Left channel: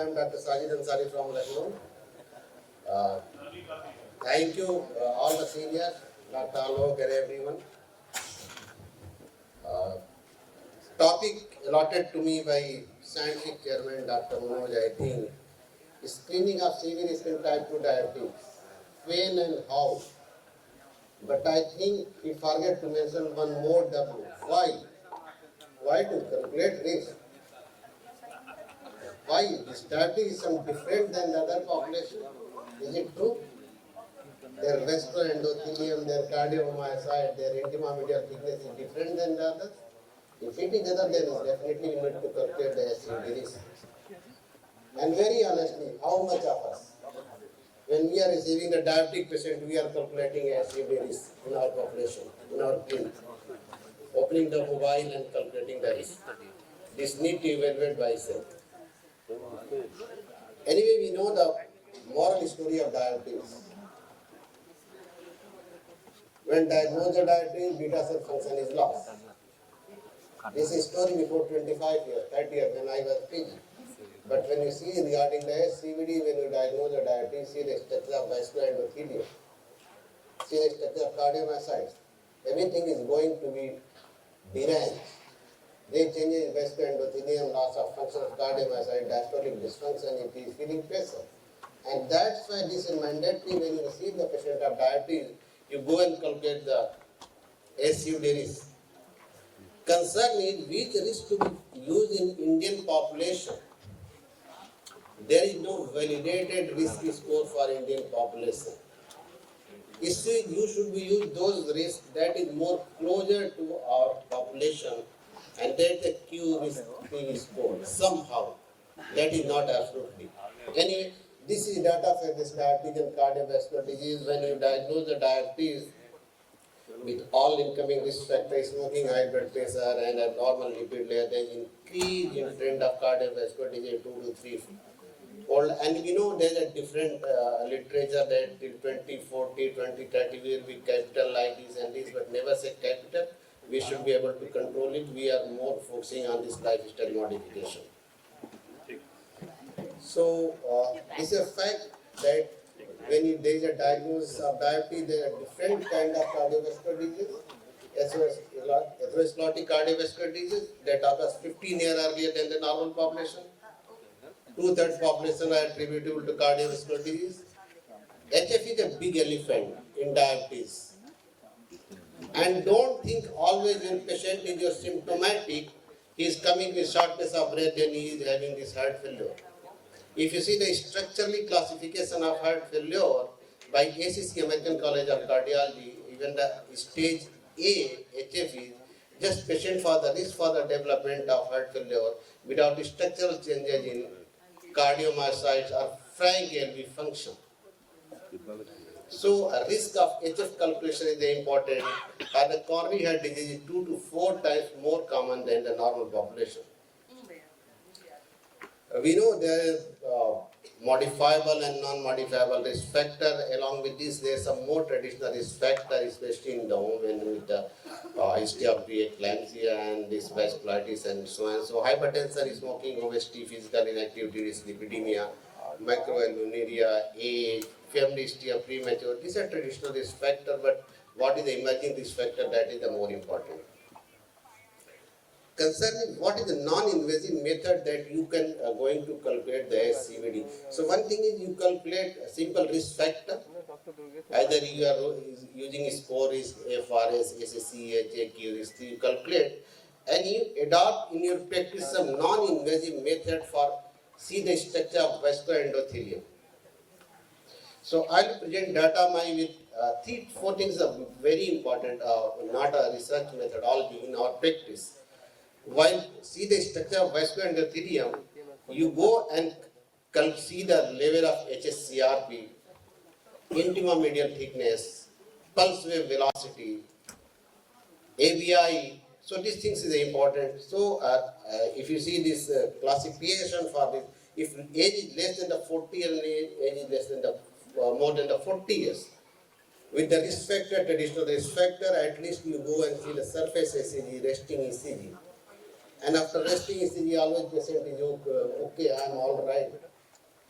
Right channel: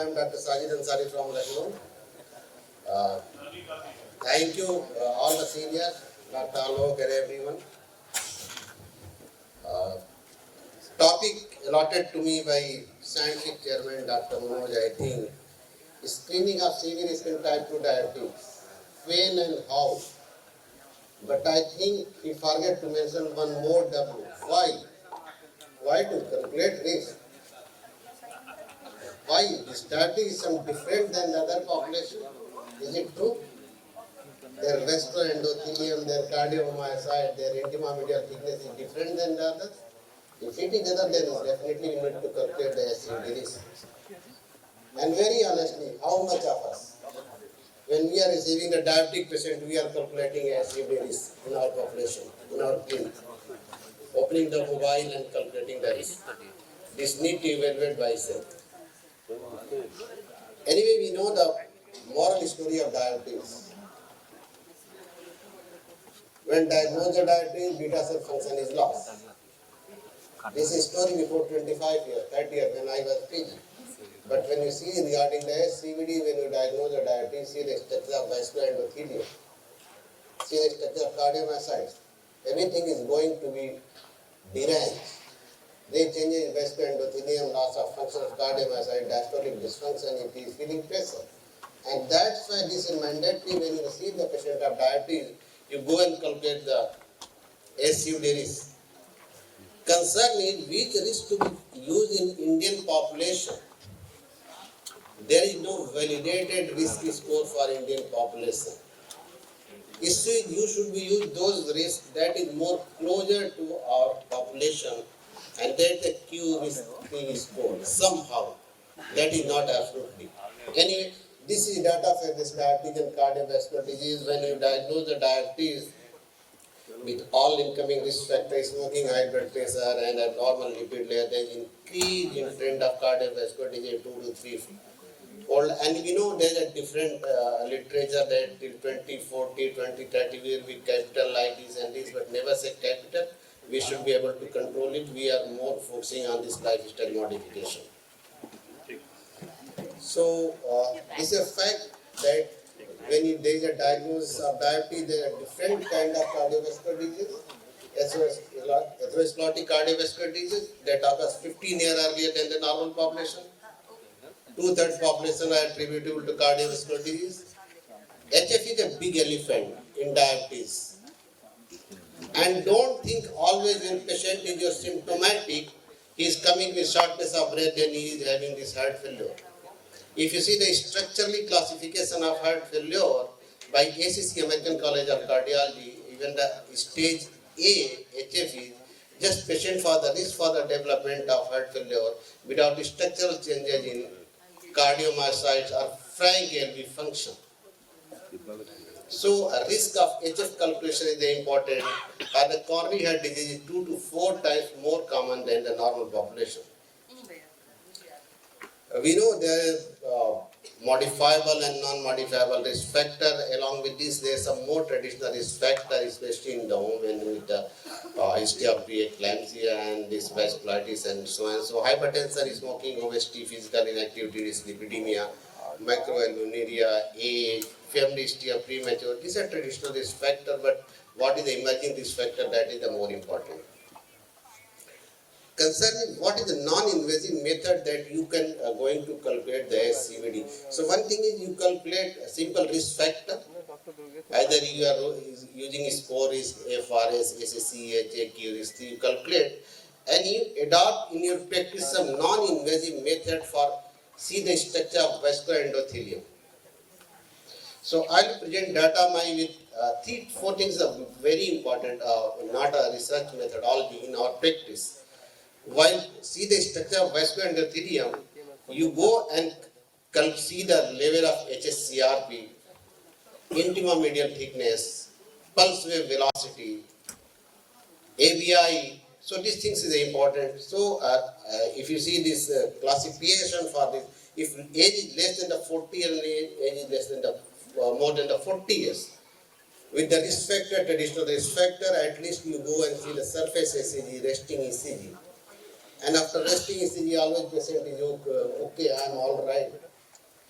I am Dr. Sajid Ansari from Lucknow. Uh, Thank you, all the seniors, Dr. Alok and everyone. Uh, Topic allotted to me by Scientific Chairman Dr. Manoj, I think, is screening of severe skin type 2 diabetes. When and how? But I think he forget to mention one more W. Why? Why to calculate risk? Why? This diabetes is some different than the other population? Is it true? Their vascular endothelium, their cardiomyocyte, their intima medial thickness is different than the others? If it is other, then definitely we need to calculate the SUDs. And very honestly, how much of us, when we are receiving the diabetic patient, we are calculating SUDs in our population, in our clinic, opening the mobile and calculating the risk. This need to evaluate by itself. Anyway, we know the moral story of diabetes. When diagnosed with diabetes, beta cell function is lost. This is story before 25 years, 30 years when I was PG. But when you see regarding the SCVD, when you diagnose the diabetes, see the structure of vascular endothelium, see the structure of cardiomyocytes, everything is going to be deranged. They change in vascular endothelium, loss of function of cardiomyocyte, diastolic dysfunction, it is feeling pressure. And that's why this is mandatory when you receive the patient of diabetes, you go and calculate the SUD risk. Concern is which risk to be used in Indian population. There is no validated risk score for Indian population. Issue is you should be used those risks that is more closer to our population and that the Q risk score somehow. That is not absolutely. Anyway, this is data for this diabetes and cardiovascular disease. When you diagnose the diabetes with all incoming risk factors, smoking, high blood pressure, and abnormal lipid layer, there is increase in trend of cardiovascular disease 2 to 3 fold. And we know there is a different literature that till 2040, 2030 will be capital like this and this, but never say capital. We should be able to control it. We are more focusing on this lifestyle modification. So, it's a fact that when there is a diagnosis of diabetes, there are different kind of cardiovascular disease, atherosclerotic cardiovascular disease that occurs 15 years earlier than the normal population. 2/3 population are attributable to cardiovascular disease. HF is a big elephant in diabetes. And don't think always when patient is symptomatic, he is coming with shortness of breath and he is having this heart failure. If you see the structurally classification of heart failure by ACC, American College of Cardiology, even the stage A HF is just patient for the risk for the development of heart failure without structural changes in cardiomyocytes or frank LV function. So a risk of HF calculation is important, and the coronary heart disease is 2 to 4 times more common than the normal population. We know there is modifiable and non-modifiable risk factor. Along with this, there is some more traditional risk factor, especially in the women with the history of preeclampsia and this vasculitis and so on. So hypertension, smoking, obesity, physical inactivity, dyslipidemia, macroalbuminuria, age, family history of premature. These are traditional risk factor, but what is the emerging risk factor? That is the more important. Concerning what is the non-invasive method that you can going to calculate the SCVD. So one thing is you calculate a simple risk factor. Either you are using score risk, FRS, SSC, HAQ risk, you calculate and you adopt in your practice some non-invasive method for see the structure of vascular endothelium. So I will present data with 3-4 things are very important, not a research methodology in our practice. While see the structure of vascular endothelium, you go and see the level of HSCRP, intima medial thickness, pulse wave velocity, ABI. So these things is important. So if you see this classification for this, if age is less than the 40 and age is less than the more than the 40 years, with the risk factor, traditional risk factor, at least you go and see the surface ECG, resting ECG. And after resting ECG, always patient is okay, I am all right.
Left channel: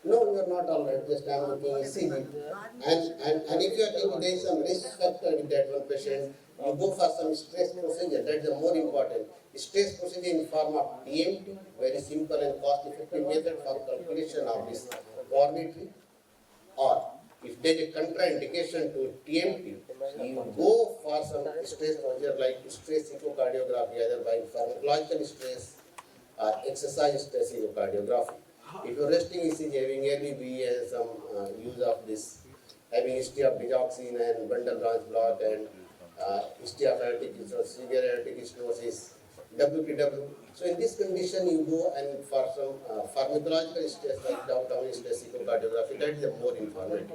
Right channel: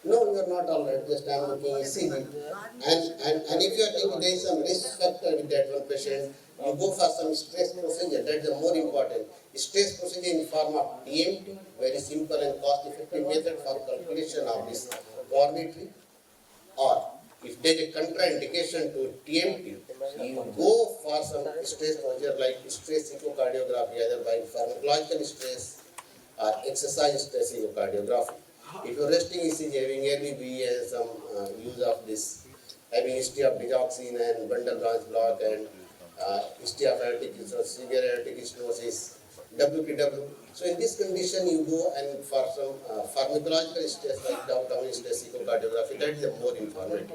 No, you are not all right. Just I am looking ECG. And if you are thinking there is some risk factor with that one patient, you go for some stress procedure. That is the more important. Stress procedure in form of TMT, very simple and cost-effective method for calculation of this coronary. Or if there is a contraindication to TMT, you go for some stress procedure like stress echocardiography, either by pharmacological stress or exercise stress echocardiography. If your resting ECG having early BE and some use of this, having history of digoxin and bundle branch block and history of aortic severe aortic stenosis, WPW. So in this condition, you go and for some pharmacological stress like downtown stress echocardiography, that is the more informative.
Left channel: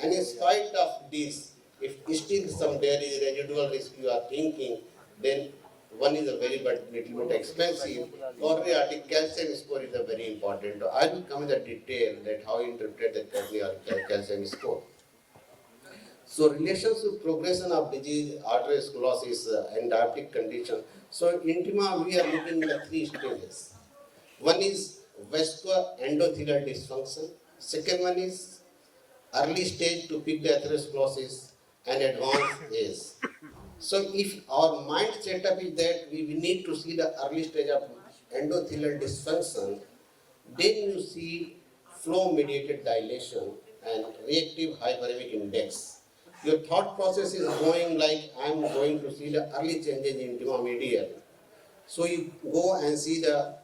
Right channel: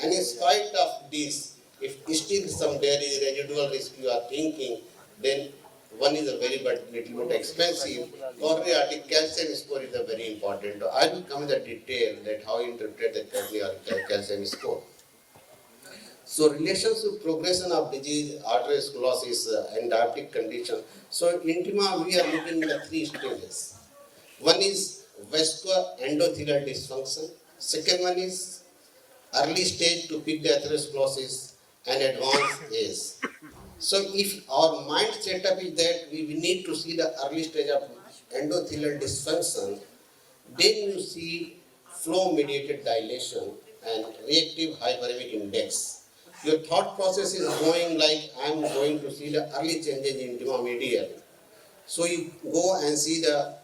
And in spite of this, if still some there is residual risk you are thinking, then one is a very but little bit expensive. Coronary artery calcium score is a very important. I will come in the detail that how you interpret the coronary artery calcium score. So relations to progression of disease, arteriosclerosis and diabetic condition. So intima we are looking at the three stages. One is vascular endothelial dysfunction. Second one is early stage to pick the atherosclerosis and advanced age. So if our mind setup is that we need to see the early stage of endothelial dysfunction, then you see flow mediated dilation and reactive hyperemic index. Your thought process is going like I am going to see the early changes in intima medial. So you go and see the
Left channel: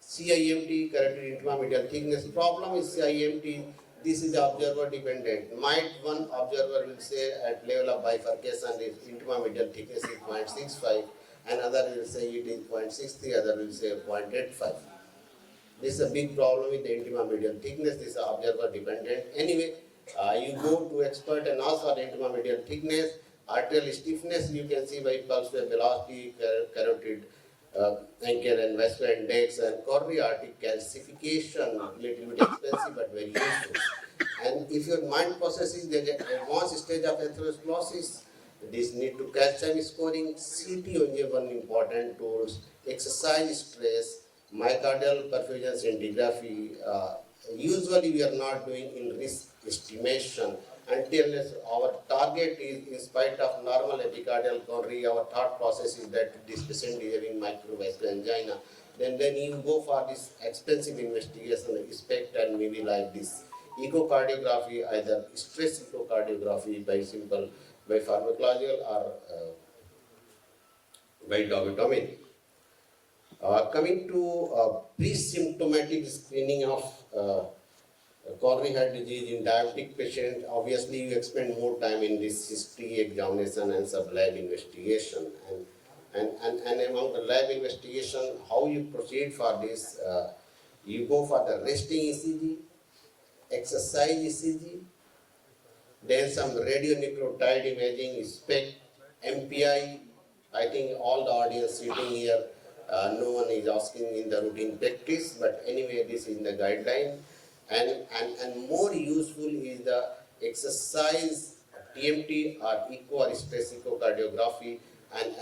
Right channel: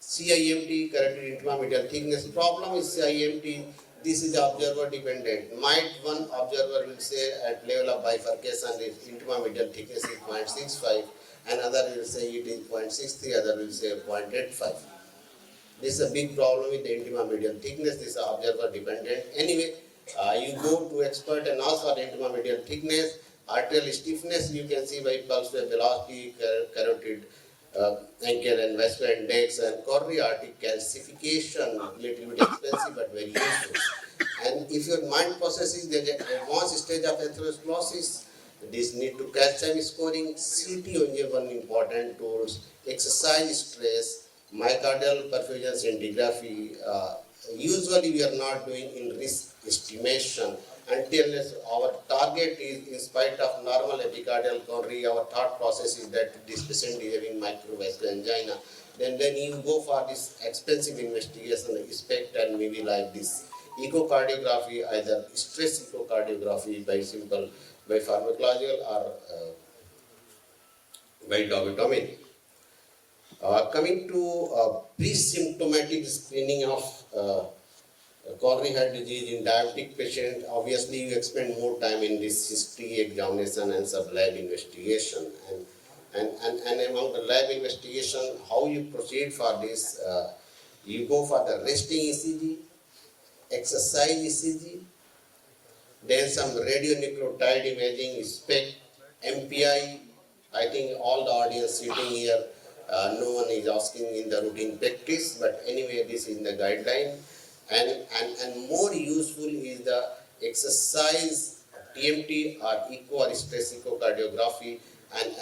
CIMT, carotid intima-medial thickness. Problem is CIMT, this is observer dependent. Might one observer will say at level of bifurcation if intima-medial thickness is 0.65, another will say it is 0.63, other will say 0.85. This is a big problem with the intima-medial thickness. This is observer dependent. Anyway, you go to expert and ask for the intima-medial thickness. Arterial stiffness you can see by pulse wave velocity, carotid ankle and vascular index, and coronary artery calcification, little bit expensive but very useful. And if your mind processes the advanced stage of atherosclerosis, this need to calcium scoring, CT only one important tools, exercise stress, myocardial perfusion scintigraphy. Usually we are not doing in risk estimation until our target is, in spite of normal epicardial coronary, our thought process is that this patient is having microvascular angina. Then you go for this expensive investigation, SPECT and maybe like this echocardiography, either stress echocardiography by pharmacological or by dogotomy. Coming to pre-symptomatic screening of coronary heart disease in diabetic patient, obviously you spend more time in this history examination and sub-lab investigation. And among the lab investigation, how you proceed for this, you go for the resting ECG, exercise ECG, then some radionucleotide imaging, SPECT, MPI. I think all the audience sitting here, no one is asking in the routine practice, but anyway, this is in the guideline. And more useful is the exercise TMT or echo or stress echocardiography, and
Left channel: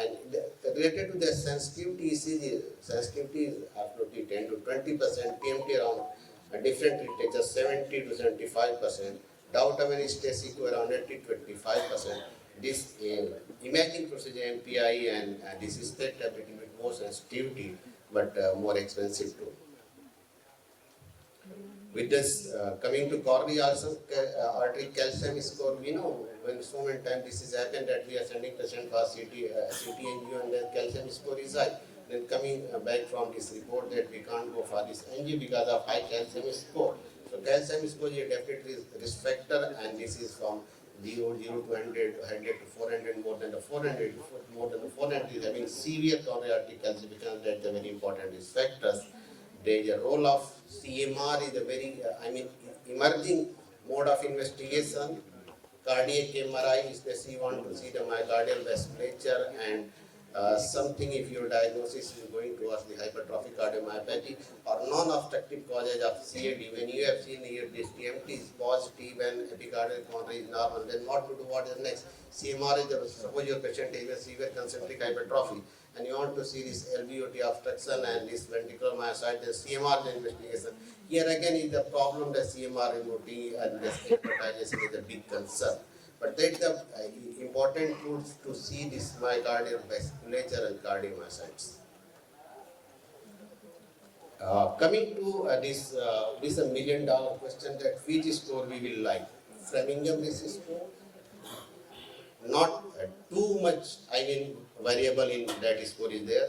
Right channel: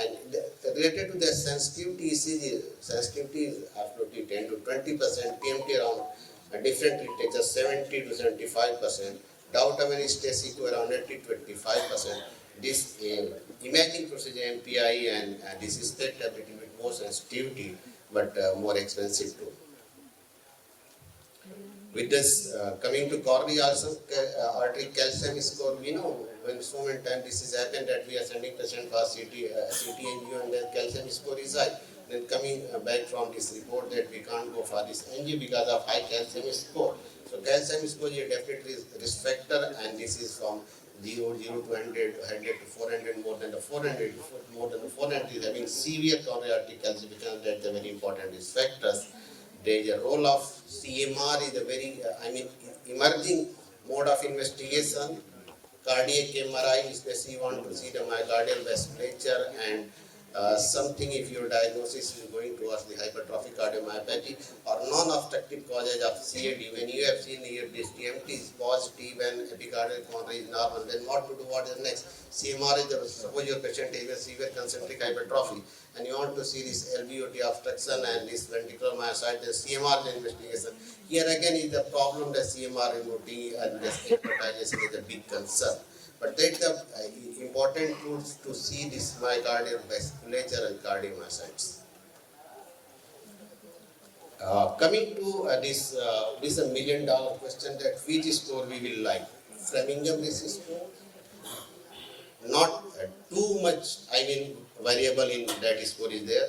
related to the sensitivity ECG, sensitivity is absolutely 10 to 20%, TMT around different literatures 70 to 75%, downtown stress echo around 80 to 25%. This imaging procedure MPI and this is that a little bit more sensitivity but more expensive too. With this, coming to coronary artery calcium score, we know when so many times this has happened that we are sending patient for CT angio and then calcium score is high. Then coming back from this report that we can't go for this angio because of high calcium score. So calcium score is definitely risk factor, and this is from 0 to 100, 100 to 400, more than the 400, more than the 400 is having severe coronary artery calcification. That's a very important risk factors. There is a role of CMR is a very, emerging mode of investigation. Cardiac MRI, especially you want to see the myocardial vasculature and something if your diagnosis is going towards the hypertrophic cardiomyopathy or non-obstructive causes of CAD. When you have seen here this TMT is positive and epicardial coronary is normal, then what to do? What is next? CMR is, suppose your patient has a severe concentric hypertrophy and you want to see this LVOT obstruction and this ventricular myocyte, then CMR is investigation. Here again is the problem, the CMR remoting and this hypertization is a big concern. But that's the important tools to see this myocardial vasculature and cardiomyocytes. Coming to this is $1 million question, that which score we will like. Framingham risk score, not too much, variable in that score is there.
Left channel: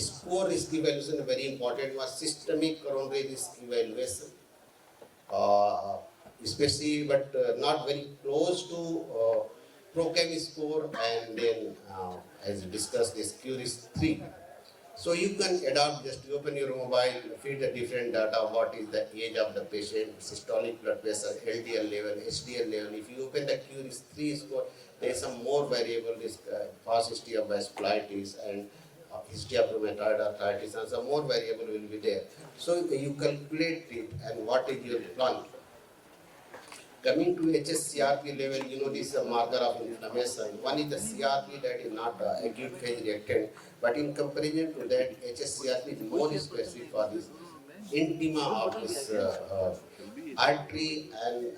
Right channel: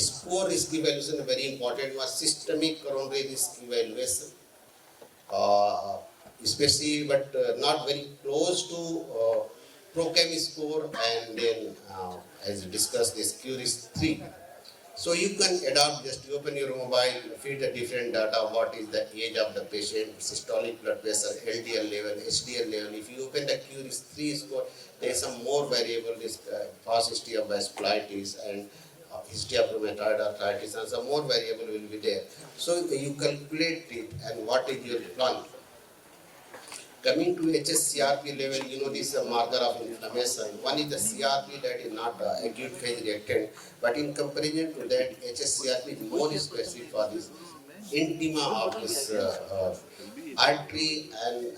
Score risk evaluation, very important was systemic coronary risk evaluation. Especially, but not very close to ProChem score, and then as discussed, this QRIS 3. So you can adopt, just open your mobile, feed the different data, what is the age of the patient, systolic blood pressure, LDL level, HDL level. If you open the QRIS 3 score, there is some more variable, this past history of vasculitis and history of rheumatoid arthritis, and some more variable will be there. So you calculate it and what is your plan. Coming to HSCRP level, this is a marker of inflammation. One is the CRP, that is not acute phase reactant, but in comparison to that, HSCRP is more specific for this intima of this artery, and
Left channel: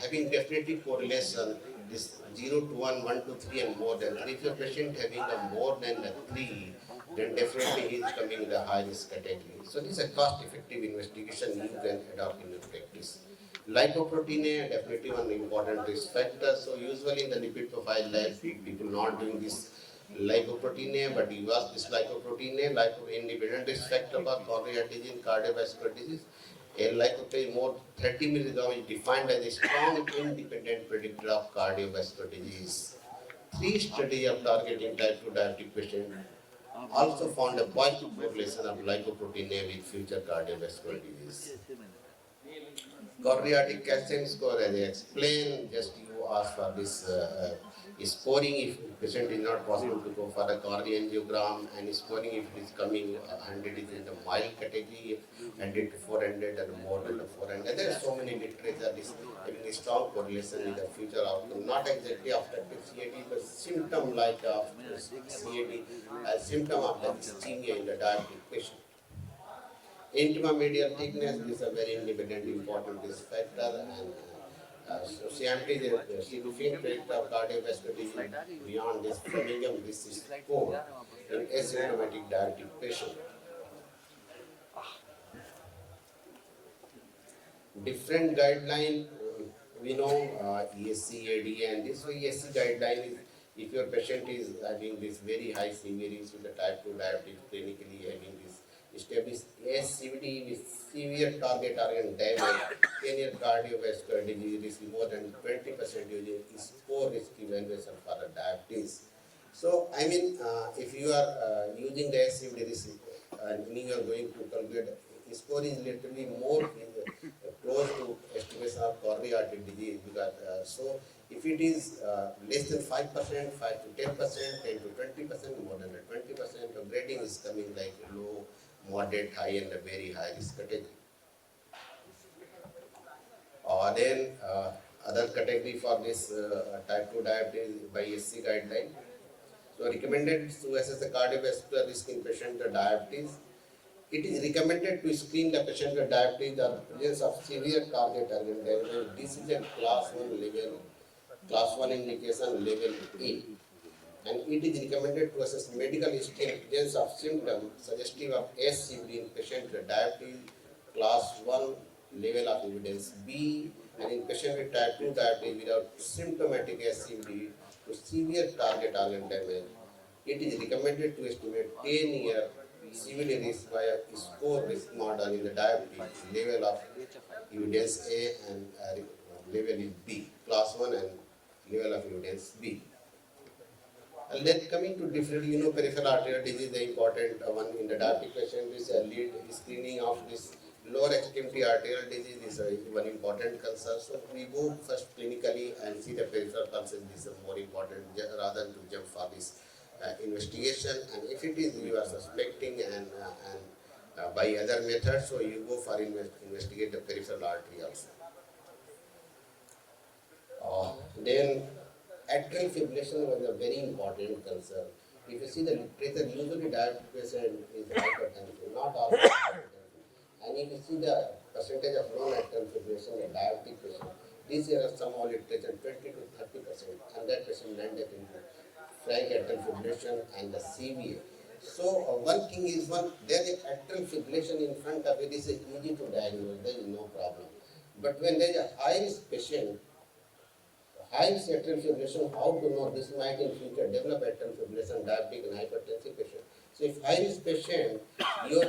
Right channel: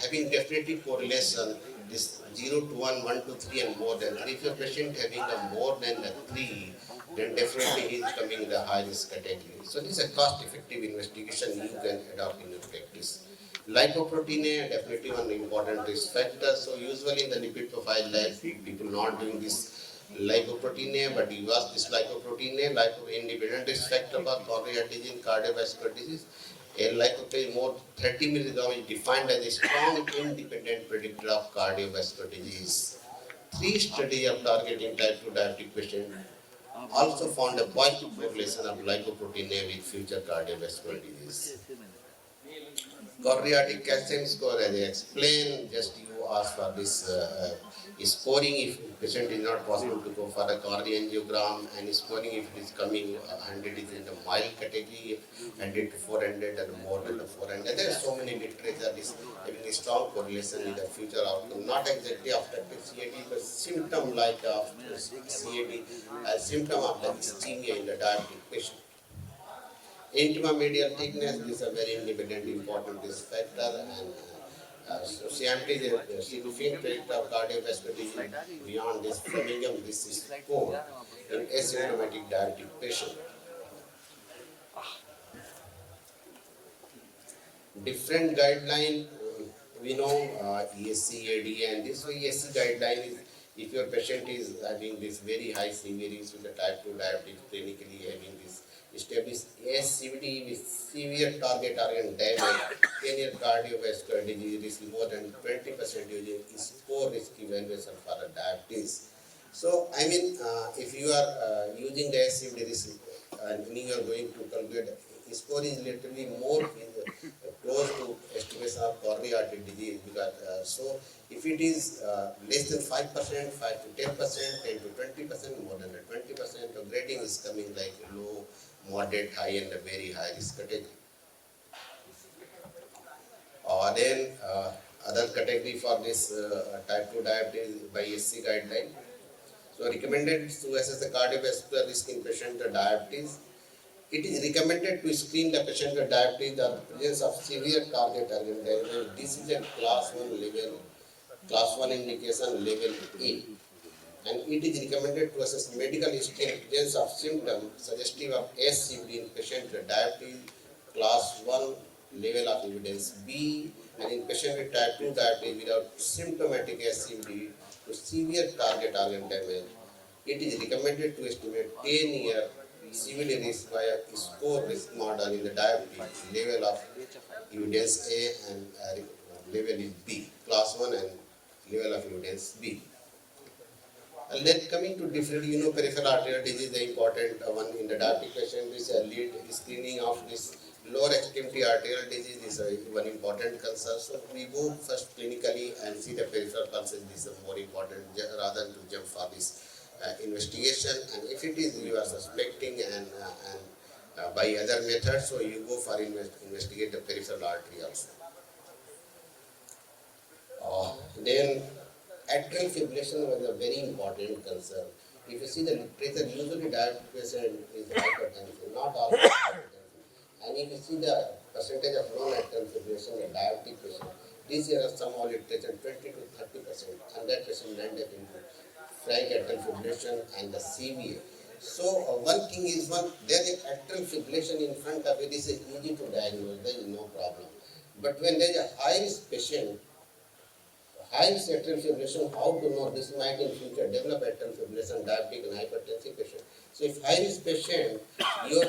having definitely correlation, this 0 to 1, 1 to 3 and more than 3. If your patient having a more than the 3, then definitely he is coming in the high risk category. So this is a cost effective investigation you can adopt in your practice. Lipoprotein, definitely one important risk factor. So usually in the lipid profile lab, people not doing this lipoprotein, but you ask this lipoprotein, independent risk factor for coronary heart disease, cardiovascular disease. A lipoprotein more 30 milligram is defined as a strong independent predictor of cardiovascular disease. 3 studies of targeting type 2 diabetic patient also found a positive correlation of lipoprotein with future cardiovascular disease. Coronary calcium score, as I explained, just you ask for this scoring if patient is not possible to go for a coronary angiogram, and scoring if it is coming 100 is in the mild category, 100 to 400 and more than the 400. There are so many literature is having a strong correlation with the future outcome, not exactly obstructive CAD, but symptom like CAD, a symptom of the ischemia in the diabetic patient. Intima medial thickness is a very independent important risk factor, and so CMT is a significant predictor of cardiovascular disease beyond this Framingham disease score in asymptomatic diabetic patient. Different guideline, we know ESC, AD, and this ESC guideline is if your patient is having this very high severity with the type 2 diabetes, clinically having this established ASCVD with severe target organ damage, 10-year cardiovascular disease risk more than 20% using score risk evaluation for the diabetes. So, if you are using the ASCVD risk and you are going to calculate, score is literally more close to estimation of coronary artery disease, because so if it is less than 5%, 5 to 10%, 10 to 20%, more than 20%, the grading is coming like low, moderate, high, and a very high risk category. Then other category for this type 2 diabetes by SC guideline. So recommended to assess the cardiovascular risk in patient with diabetes. It is recommended to screen the patient with diabetes or presence of severe target organ damage. This is a class 1 level, class 1 indication level A. And it is recommended to assess medical history and presence of symptoms suggestive of SCVD in patient with diabetes, class 1 level of evidence B, and in patient with type 2 diabetes without symptomatic SCVD to severe target organ damage. It is recommended to estimate 10-year CVD risk via score risk model in the diabetes level of evidence A, and level is B, class 1 and level of evidence B. And then coming to different, peripheral arterial disease, the important one in the diabetic patient is a lead screening of this lower extremity arterial disease is one important concern. So we go first clinically and see the peripheral pulses. This is more important rather than to jump for this investigation, and if it is you are suspecting and by other methods, so you go for investigate the peripheral artery also. Then atrial fibrillation was a very important concern. If you see the literature, usually diabetic patient is hypertensive, not all hypertensive. And if you see the percentage of non-atrial fibrillation in diabetic patient, this year somehow literature 20 to 30%, and that patient landed into frank atrial fibrillation and the CVA. So one thing is there is atrial fibrillation in front of it is easy to diagnose, there is no problem. But when there is a high risk patient, high atrial fibrillation, how to know this might in future develop atrial fibrillation, diabetic and hypertensive patient. So if high risk patient, you're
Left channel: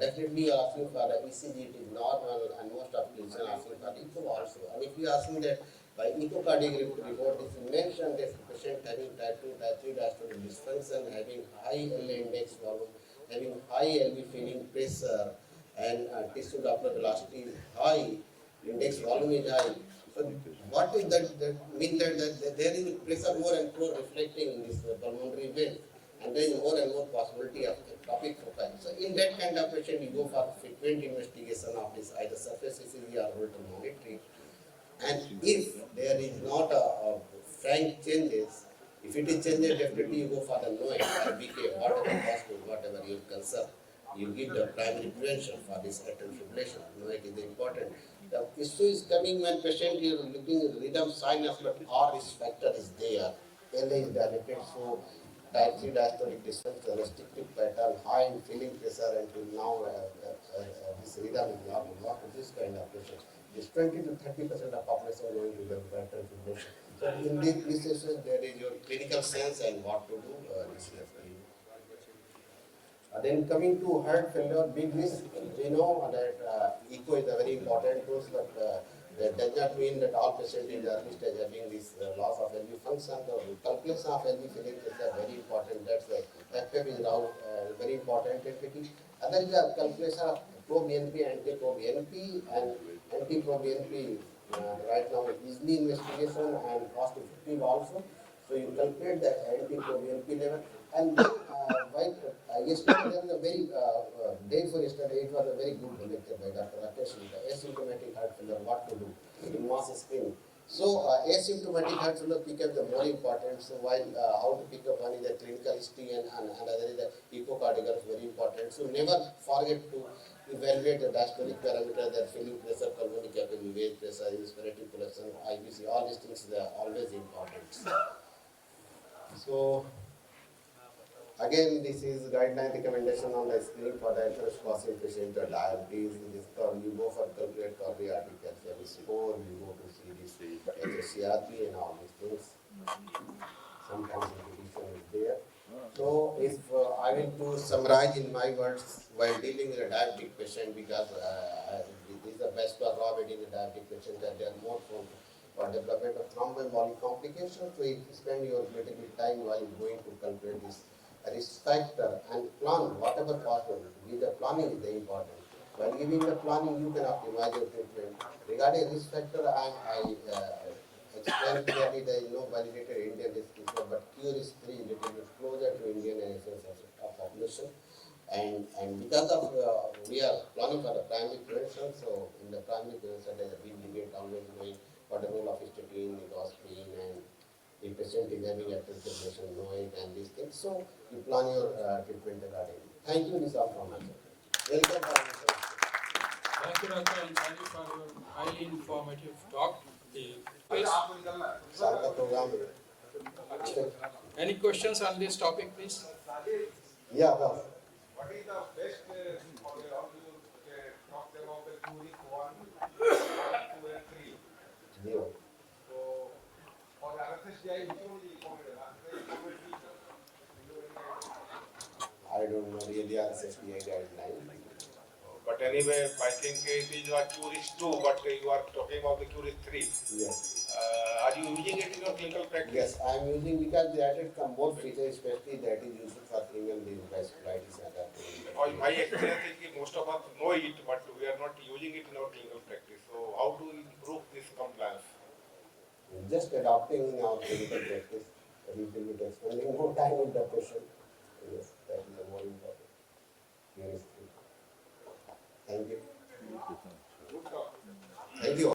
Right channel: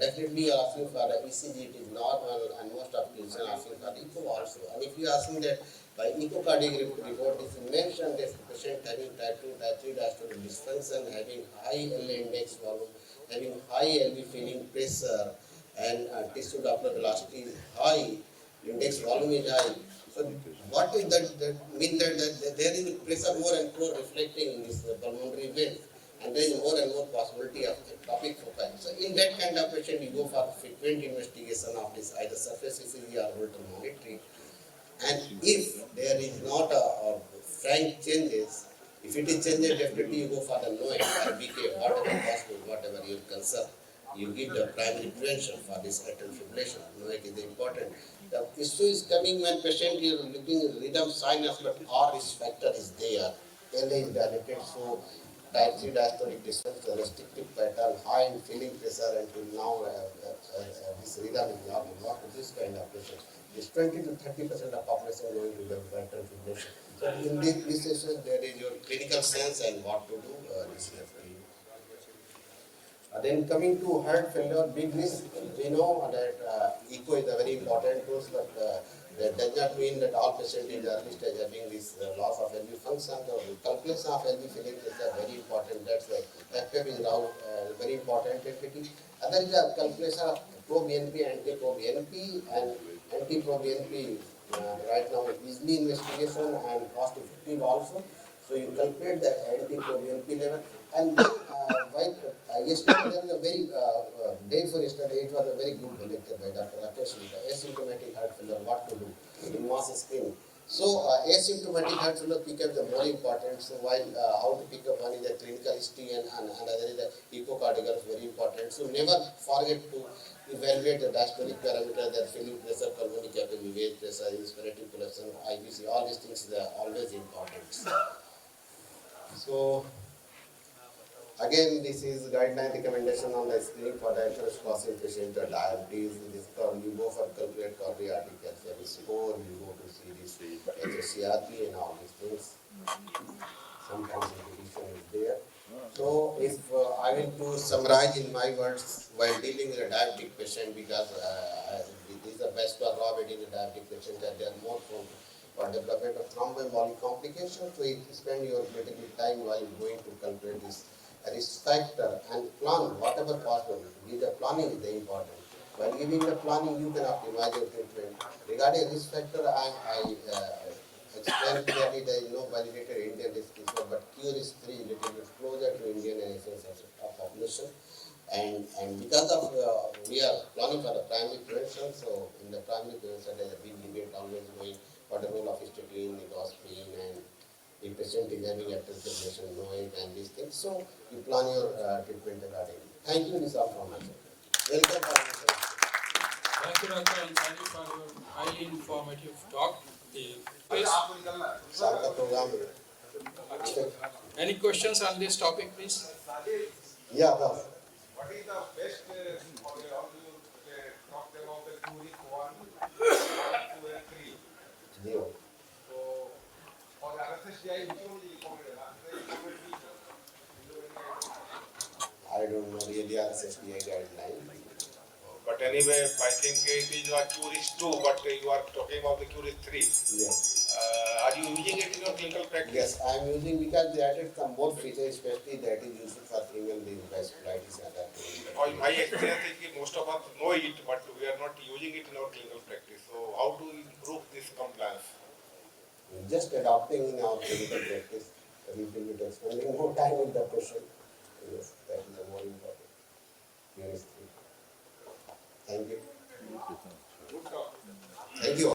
definitely asking for the ECG, it is normal, and most of clinicians are asking for echo also. And if you are asking that by echocardiogram report, it is mentioned that the patient having type 2, type 3 diastolic dysfunction, having high LA index volume, having high LV filling pressure, and tissue Doppler velocity is high, index volume is high. So what is that mean that there is pressure more and more reflecting in this pulmonary vein, and there is more and more possibility of ectopic foci. So in that kind of patient, you go for frequent investigation of this either surface ECG or Holter monitoring. And if there is not a frank changes, if it is changes, definitely you go for the NOAC or BK, whatever hospital, whatever your concern. You give the primary prevention for this atrial fibrillation. NOAC is important. The issue is coming when patient is looking at rhythm sinus, but R risk factor is there. LA is dilated, so type 3 diastolic dysfunction, restrictive pattern, high in filling pressure until now this rhythm is not this kind of patient. This 20 to 30% of population going to develop atrial fibrillation. So in this session, there is your clinical sense and what to do. This is for you. Then coming to heart failure, big risk, we know that echo is a very important tool, but that does not mean that all patients in the early stage having this loss of LV function. The calculation of LV filling is very important. That's why FF is now very important entity. Other is a calculation of pro-BNP, anti-pro-BNP, and anti-pro-BNP right now easily investigation and cost effective also. So you calculate the anti-pro-BNP level, and then yesterday there was a very day for yesterday. It was a very good lecture by Dr. Rakesh, asymptomatic heart failure, what to do in mass screening. So asymptomatic heart failure pickup is more important. So while how to pick up, one is the clinical history and another is the echocardiogram is very important. So never forget to evaluate the diastolic parameter, their filling pressure, pulmonary capillary wave pressure, inspiratory collection, IBC, all these things are always important. So again, this is guideline recommendation on the screening for the atherosclerosis patient or diabetes. This term you go for calculate cardiac calcium score, you go to see this HSCRP and all these things. Sometimes repetition is there. So if I will to summarize in my words while dealing with a diabetic patient, because this is the best for raw in a diabetic patient, that they are more prone for development of thromboembolic complications. So you spend your little bit time while going to calculate this risk factor and plan whatever possible. Give the planning is the important. While giving the planning, you can optimize your treatment. Regarding risk factor, I explained clearly there is no validated Indian risk score, but Q risk 3 is little bit closer to Indian and SS population. And because of we are planning for the primary prevention, so in the primary prevention there is a big debate always going what the role of statin, nicotinamide, and the patient is having atrial fibrillation, knowing and these things. So you plan your treatment accordingly. Thank you, this is all from my side. Welcome for my side. Thank you, Doctor, and thank you for your highly informative talk. Any questions on this topic, please? Yeah, boss. What is the best how you talked about the Curic 1, 2 and 3. Zero. So for the RSSDI, which one is recommended? I don't know really RSSDI guideline. But anyway, I think it is your Curic 2, but you are talking about the Curic 3. Yes. Are you using it in your clinical practice? Yes, I am using because they added some more features, especially that is used for female vasculitis and that. My experience is that most of us know it, but we are not using it in our clinical practice. So how to improve this compliance? Just adopting in our clinical practice. repeat it, spending more time with the question. Yes, that is the more important. Here is three. Thank you. Good talk. Thank you.